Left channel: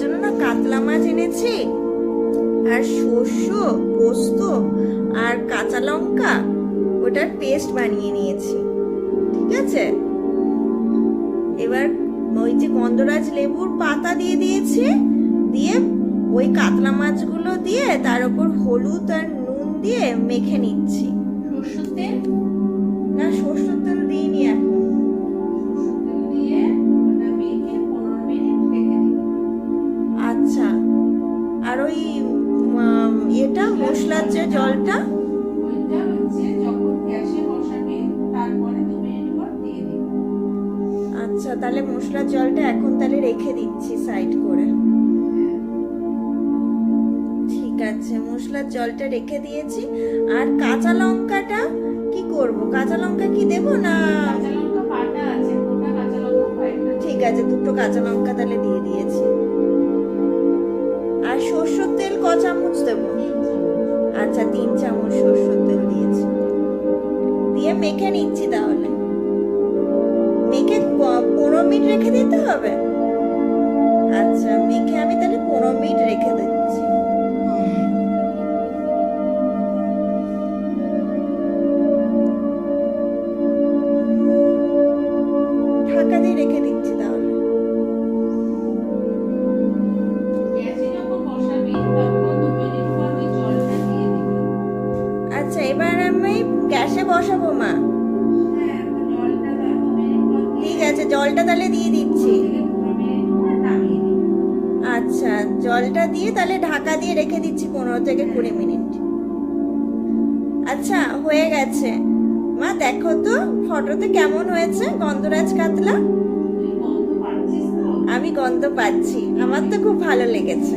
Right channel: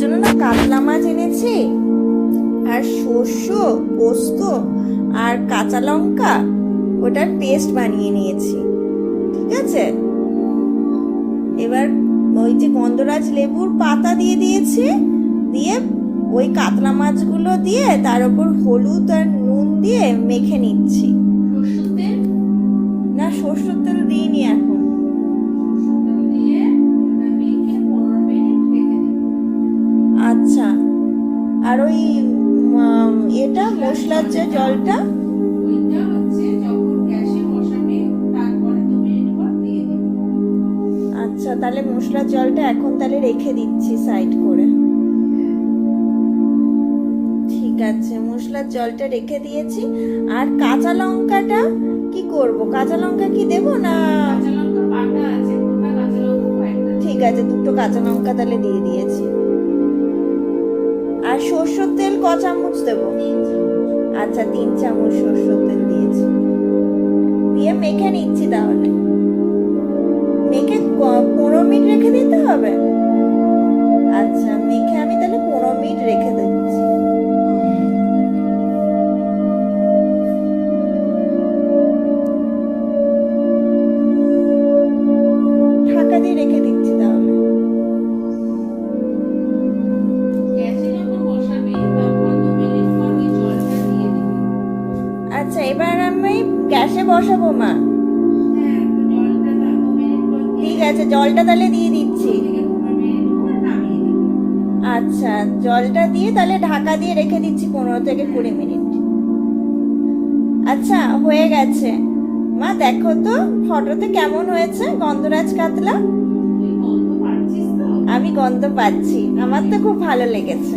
জন্য না কাতলা মাছ এনেছি, আর সর্ষে, পোস্ত আর কাঁচা লঙ্কা ওটার পেস্ট বানিয়ে নিয়েছি। ঠিক আছে, এবার ওই যে গন্ধরাজ লেবুর পাতা দিয়ে দিয়েছি, দিয়ে ওই কাতলা মাছগুলো দিয়ে তার উপর হলুদ আর নুন দিয়ে মেখে নিচ্ছি। না, সরষের তেল দিইনি এখন। আচ্ছা, আর ওই এটা মশলার যে জলটা, আচ্ছা তাহলে মশলার জলটা এখন তাহলে রেখে দিচ্ছি সাইড করে। ঠিক আছে, মশলার জলটা রেখে দিয়েছি। আর কাঁচা লঙ্কাটা কি করব? কাঁচা লঙ্কা কি দেবো না? ঠিক আছে, দুটো কাঁচা লঙ্কা তাহলে দিয়ে দিয়েছি। আর সরষের তেল ক চামচ দেবো? আচ্ছা, 3 চামচ সরষের তেল দিয়েছি। দিয়ে মেখে নিচ্ছি। তাহলে মেখে 15 মিনিট রেখে দিতে হবে। আচ্ছা, মেখে আমি তাহলে 15 মিনিট রেখে দিচ্ছি। ঢাকা দিয়ে রেখে দিচ্ছি। তাহলে আচ্ছা, এবার আমি গ্যাসে বসাবো মা। ঠিক আছে, জলটা তাহলে দিয়ে দিচ্ছি। আচ্ছা, জলটা দিয়ে তাহলে ঢাকা দিয়ে রেখে দিচ্ছি 15 থেকে 20 মিনিট। আচ্ছা, হয়ে গেছে মা, দেখো তো ফটোতে কেমন হয়েছে গন্ধরাজ কাতলা। আমি গন্ধ পাচ্ছি, আমার তো খুব ভালো লেগেছে।